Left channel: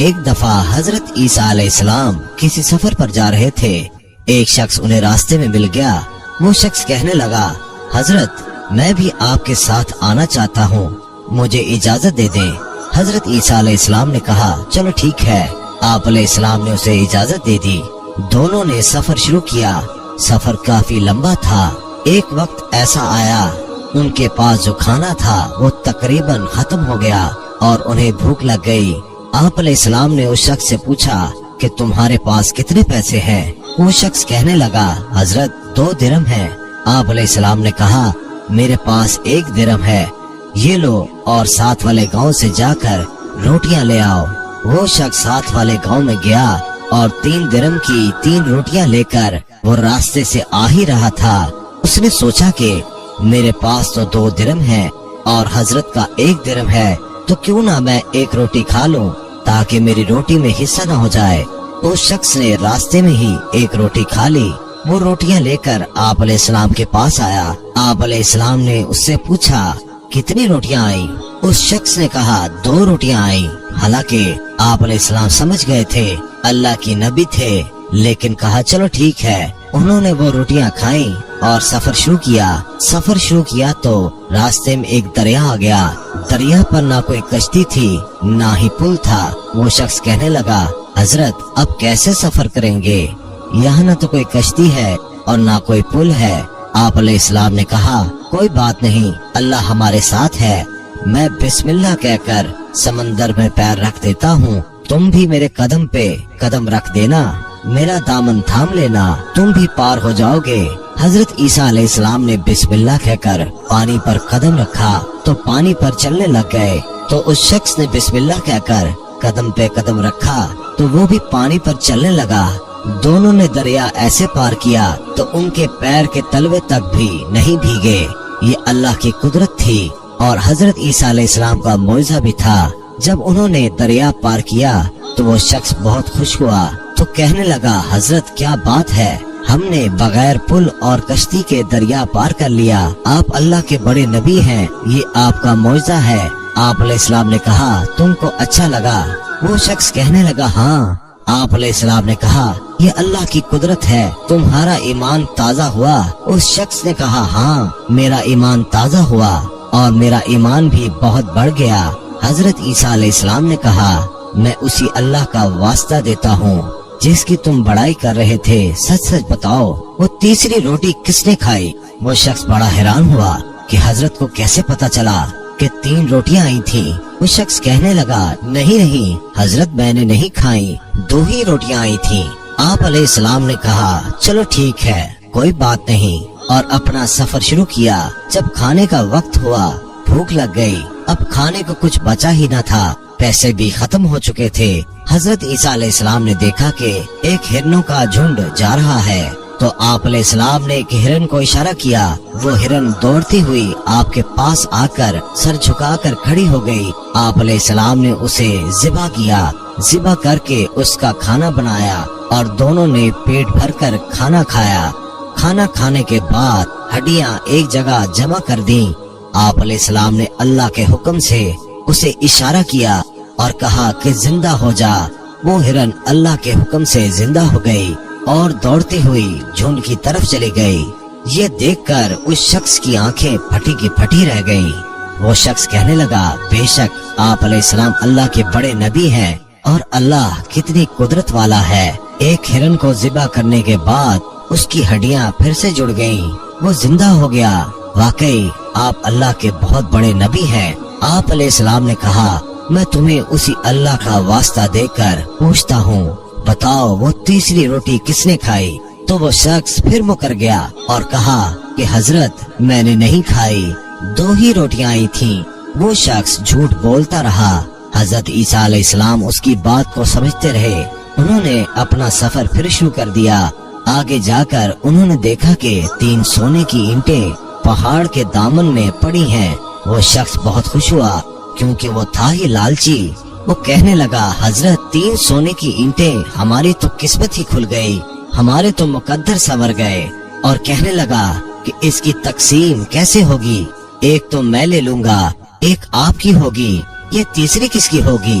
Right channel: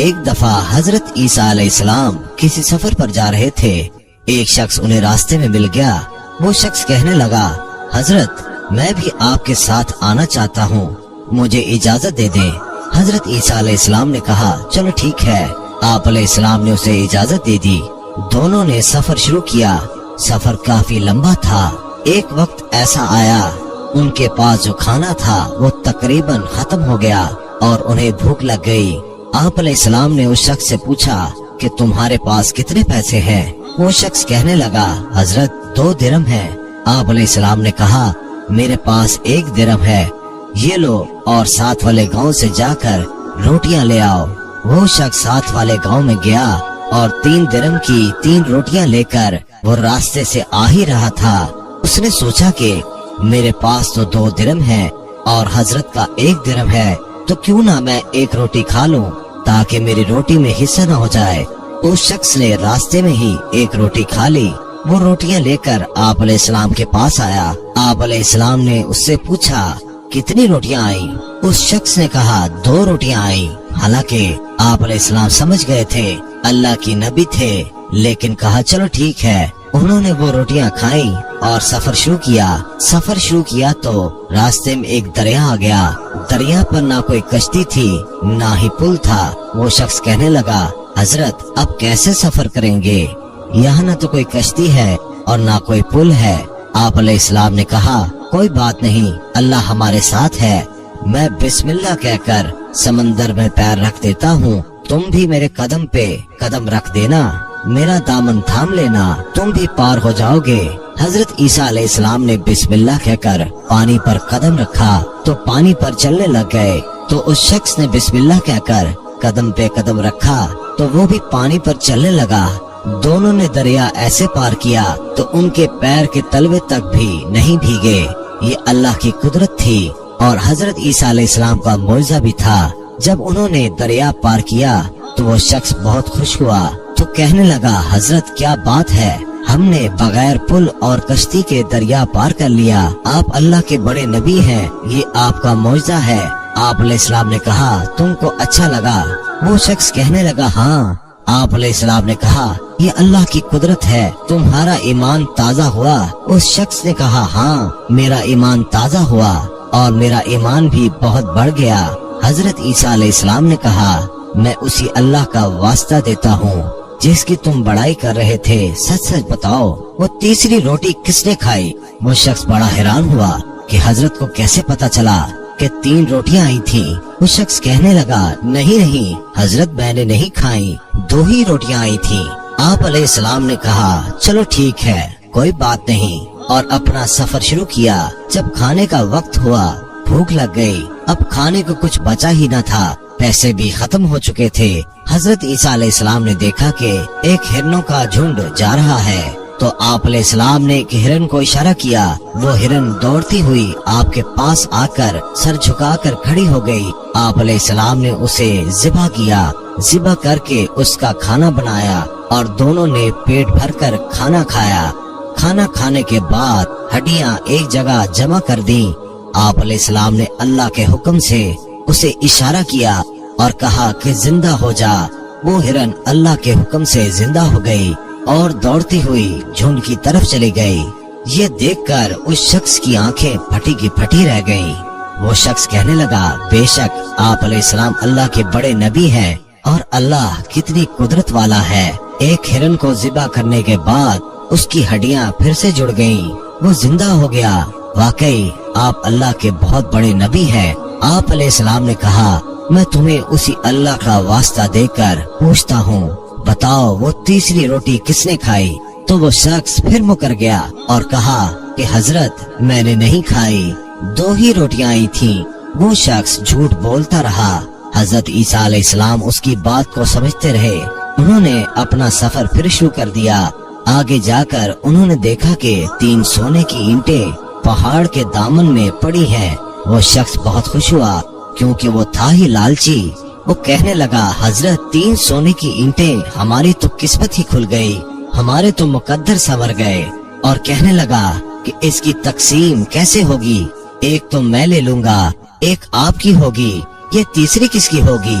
ایک دفعہ حضرت عیسیٰ علیہ السلام کسی سفر پر جا رہے تھے۔ ایک شخص انہیں راستے میں مل گیا۔ وہ شخص کہنے لگا، حضرت میں بھی آپ کے ساتھ آنا چاہتا ہوں، مجھے اجازت دے دیں۔ حضرت عیسیٰ علیہ السلام نے کہا، چلو ٹھیک ہے۔ آپ علیہ السلام نے اسے اجازت دے دی۔ دونوں نے سفر شروع کیا۔ سفر کافی لمبا تھا۔ ایک وقت ایسا آیا ان کے پاس جو کھانا تھا وہ تقریباً ختم ہو گیا اور انہیں بھوک لگ گئی۔ آپ علیہ السلام نے اس شخص سے پوچھا کہ تمہارے پاس کتنے پیسے ہیں؟ وہ شخص کہنے لگا، حضرت 2 درہم ہیں۔ آپ علیہ السلام نے کہا، میرے پاس 1 درہم ہے، یہ لو اور ساتھ والے گاؤں سے جا کر روٹیاں لے آؤ۔ وہ شخص ساتھ والے گاؤں میں گیا اور 3 درہم کی 3 روٹیاں لے کر وہ راستے سے آ ہی رہا تھا۔ اس نے سوچا کہ میرے پاس تو 2 درہم ہیں اور حضرت کا 1 درہم ہے، تو کیوں نہ میں 1 روٹی کھا لوں تاکہ میری روٹی میں حصہ نہ ہو جائے۔ اس شخص نے راستے میں ہی 1 روٹی کھا لی۔ وہ روٹیاں لے کر آپ علیہ السلام کے پاس آیا۔ آپ علیہ السلام نے اس سے پوچھا، کتنی روٹیاں آئیں؟ اس شخص نے کہا، 2 روٹیاں آئیں۔ حالانکہ آپ علیہ السلام سمجھ گئے تھے اللہ کی نبی تھے، لیکن کہا چلو ٹھیک ہے۔ انہوں نے وہ روٹیاں کھائیں اور سفر شروع کیا تو راستے میں ایک دریا آ گیا۔ دریا پر نہ کوئی کشتی تھی نہ ہی پل تھا۔ وہ شخص کہنے لگا، حضرت اب کیسے سفر کریں گے؟ یہاں نہ تو کوئی کشتی ہے اور نہ کوئی پل ہے۔ آپ علیہ السلام نے کہا، کوئی بات نہیں، اللہ ہمارے ساتھ ہے۔ میں بسم اللہ کہہ کر سمندر میں پیر رکھ دیتا ہوں، تم بھی میرے قدم پہ قدم رکھ دینا، میرا دامن تھام لینا، تم بھی پار ہو جاؤ گے۔ حضرت عیسیٰ علیہ السلام نے بسم اللہ کہہ کر پانی پر قدم رکھا تو پانی پر چلنے لگ گئے۔ تو اس شخص نے بسم اللہ کہہ کر قدم پہ قدم رکھا تو وہ بھی پانی پر چلنے لگا۔ دونوں نے دریا ایسے پار کیا تو ان کے پیر کے تلوے تک بھی نہیں بھیگے۔ یہ اللہ کی قدرت تھی اور حضرت عیسیٰ علیہ السلام کا معجزہ بھی تھا۔ جب انہوں نے دریا پار کیا تو وہ شخص بہت خوش ہوا تو کہنے لگا، حضرت کیا بات ہے، ہم نے بغیر پل اور کشتی کے دریا پار کر لیا۔ آپ اللہ کے بڑے نبی ہیں، یہ آپ کا معجزہ ہے۔ آپ علیہ السلام نے کہا، تم کو اچھا لگا؟ وہ شخص کہنے لگا، ہاں۔ آپ علیہ السلام نے کہا، یہ اللہ کی قدرت ہے، تمہارا ایمان تازہ ہوا؟ اس شخص نے کہا، ہاں میرا ایمان تازہ ہوا اور میرا ایمان بھی بہت بڑھ گیا۔ حضرت عیسیٰ علیہ السلام نے کہا، میں اسی اللہ کا واسطہ دیتا ہوں جس کی تم بڑائی کر رہے تھے، سچ سچ بتاؤ وہ تیسری روٹی کس نے کھائی؟ وہ شخص بڑا حیران ہوا کہ حضرت کو کیسے پتا چلا کہ 3 روٹیاں آئی تھی۔ وہ شخص کہنے لگا، نہیں حضرت میں نے نہیں کھائی، 2 ہی روٹیاں آئی تھی۔ آپ علیہ السلام نے کہا، چلو ٹھیک ہے، کوئی بات نہیں، اور اپنا سفر شروع کیا۔ جب کھانے کا وقت ہوا، بھوک لگ گئی، اب کھانے کو کچھ بچا ہی نہ تھا، پیسے بھی ختم ہو چکے تھے۔ حضرت عیسیٰ علیہ السلام نے دیکھا کہ ایک ہرنوں کا جھنڈ جا رہا ہے، تو آپ علیہ السلام نے ایک ہرن کو اشارہ کیا۔ وہ ہرن دوڑتی ہوئی آپ کے پاس آ کر سر جھکا کر کھڑی ہو گئی۔ آپ علیہ السلام نے اسے ذبح کیا، ذبح کر کے اس کا کھانا بنایا اور دونوں نے پیٹ بھر کر کھانا کھایا۔ کھانا کھانے کے بعد ہڈیاں ایک جگہ جمع کر دی۔ آپ علیہ السلام نے اللہ کے حکم سے اسے اشارہ کیا اور کہا کہ زندہ ہو جا۔ وہ ہرن اللہ کے حکم سے زندہ ہو گئی اور دوڑتی ہوئی جھنڈ کی طرف چلی گئی۔ یہ دیکھ کر اس شخص کی آنکھیں پھٹی کی پھٹی رہ گئی۔ وہ شخص کہنے لگا، بے شک آپ علیہ السلام اللہ کے بڑے نبی ہیں اور اللہ کتنی قدرت والا ہے۔ ایک ہرن کو ذبح کرنے کے بعد اس کی ہڈیاں پھر سے جڑ گئیں، وہ زندہ ہو گیا۔ واقعی آپ اللہ کے بہت بڑے نبی ہیں۔ آپ علیہ السلام نے کہا، میں تمہیں اسی اللہ کا واسطہ دے کر پوچھتا ہوں، بتاؤ وہ تیسری روٹی کس نے کھائی؟ تو وہ شخص پھر مکر گیا اور کہا کہ حضرت میں نے نہیں کھائی، 2 ہی روٹیاں آئی تھیں۔ وہ شخص جھوٹ بولتا رہا۔ حضرت عیسیٰ علیہ السلام اس کی بات کو سمجھتے رہے۔ انہوں نے اپنا سفر پھر شروع کر دیا۔ آگے جا کر انہوں نے دیکھا کہ 3 سونے کی اینٹیں پہاڑ کے دامن میں پڑی ہیں۔ وہ شخص بہت خوش ہوا کیونکہ وہ تھا ہی لالچی۔ وہ کہنے لگا، حضرت 3 سونے کی اینٹیں، ہماری تو قسمت ہی کھل گئی، ہمارے تو مقدر سنور گئے۔ اور کہنے لگا کہ اس کی تقسیم کیسے ہوگی؟ ایک تو میں لے لوں گا، ایک آپ کی ہوگی، یہ تیسری کس کی ہوگی؟